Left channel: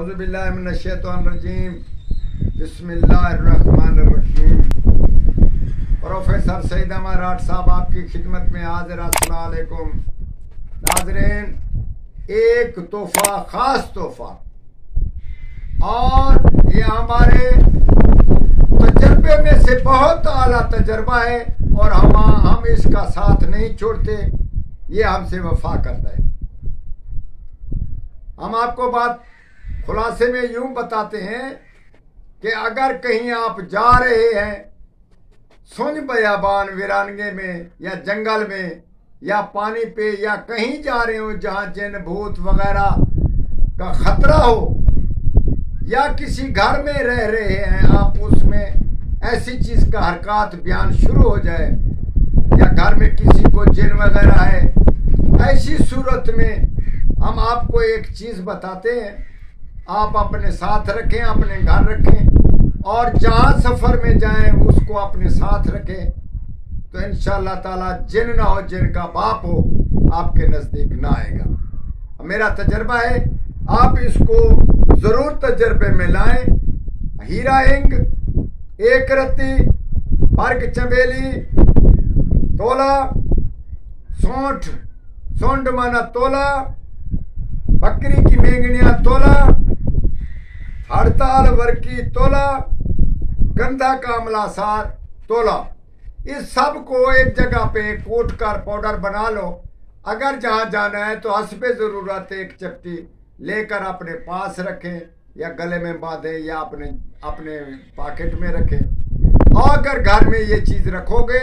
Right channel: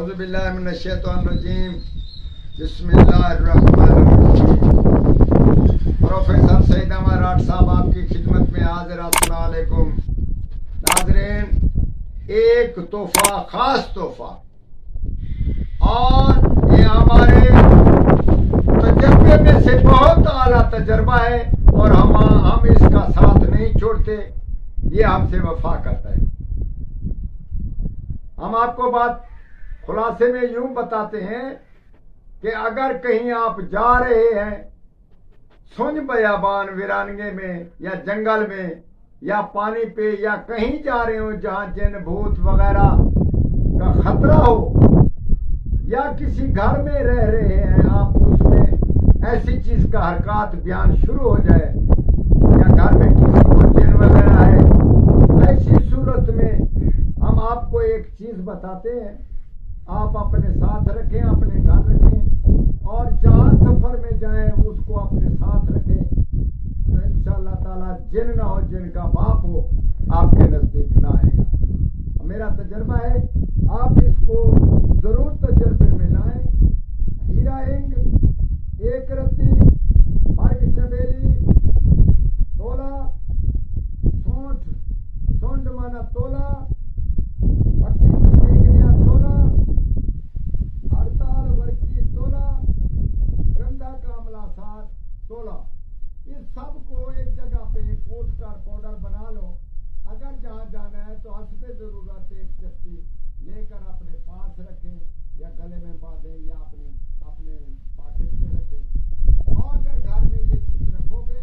औज़ुबिल्लाहिमिनश्शैतानिर्रजीम बिस्मिल्लाहिर्रहमानिर्रहीम। प्रोफेसर सईद अहमद राठ साहब आपकी खिदमत में हाजिर। अस्सलाम वालेकुम नाज़रीन, एक तोहफा, खास तोहफा, और ये हमारे तजर्बे में से बहुत आला तजर्बा है और हम इसका साथ नहीं छोड़ते। ये हमसे वफा करता है। हम आपको बात खुलासे में यूं बताते हैं कि अगर कहीं आप जा रहे हैं सुन बयाबान वीरानगे में या जंगल में या पानी पे या कहीं जा रहे हो जहां जिन भूत वगैरह का खतरा हो, या किसी घर में रह रहे हैं आप, उसमें ऐसी चीज का हरकत बयान शुरू हो जाए या घर में किसी को जिन वगैरह है, ऐसी सूरत में हम आपको एक चीज बताते हैं। आप अपने साथ रखें, अपने घर रखें, और जहां सफर में जाएं उसको अपने साथ रखें, तो इंशाअल्लाह ताला जिन ना हो, जिन का बाप हो, आपके नजदीक ना आएगा। मेरा तजर्बा है, आप इसको जरूर तजर्बे में लाएं। हीरा इंग, एक रत्ती, बर्ग चमेली, तोला, सोंठ माना तोला, बकरी की मेंगनिया तोला, हड़ताल वर्की तोला, गंधा का अमला सार तोला। इस सब को एक जगह पे कूट कर पाउडर बना लो। अगर जहां जाना है तो हस्बे जरूरत एक चपटी लेकर अपने पास रखें, या गले में बांधें, या अपने पॉकेट में रखें। और अगर घर में ये चीज रखोगे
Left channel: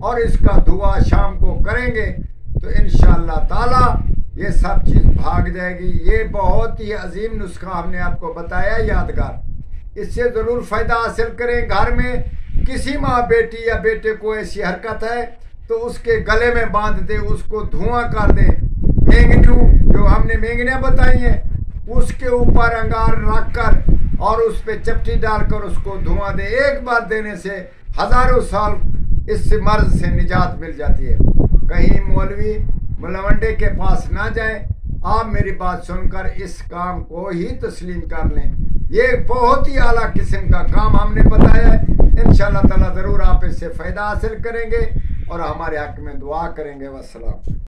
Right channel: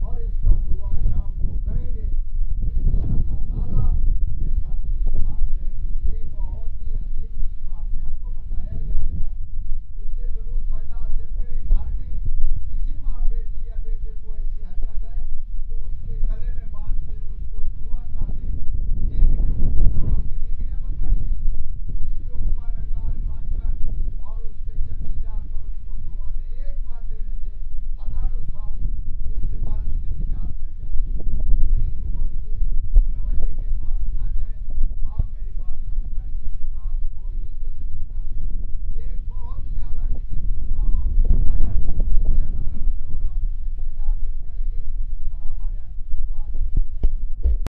और इसका धुआं शाम को करेंगे तो इंशाअल्लाह ताला ये सब चीज भाग जाएगी। ये बहुत ही अजीम नुस्खा हमने आपको बताया, यादगार। इससे जरूर फायदा हासिल करें। घर में किसी माँ बेटी या बेटे को ऐसी हरकत है तो उसके गले में बांध दे, उसको धुआं कर दे। मेंगनू जो हमने मेंगनियां बताई हैं उसके ऊपर अंगार रख कर और उस पर चपटी डालकर उसको धुआं दे। एक बार देने से हजारों साल इस मर्ज से निजात मिल जाती है। कहीं मौलवी मुलवंडे के पास ना जाएं। आप मेरी बात सुनकर इस काम को ही तस्लीम कर लें। ये बहुत ही आला किस्म का काम हमने बताया है। इंशाअल्लाह ताला जरूर आप इससे फायदा हासिल करेंगे और हमारे हक में दुआ करेंगे। वस्सलाम।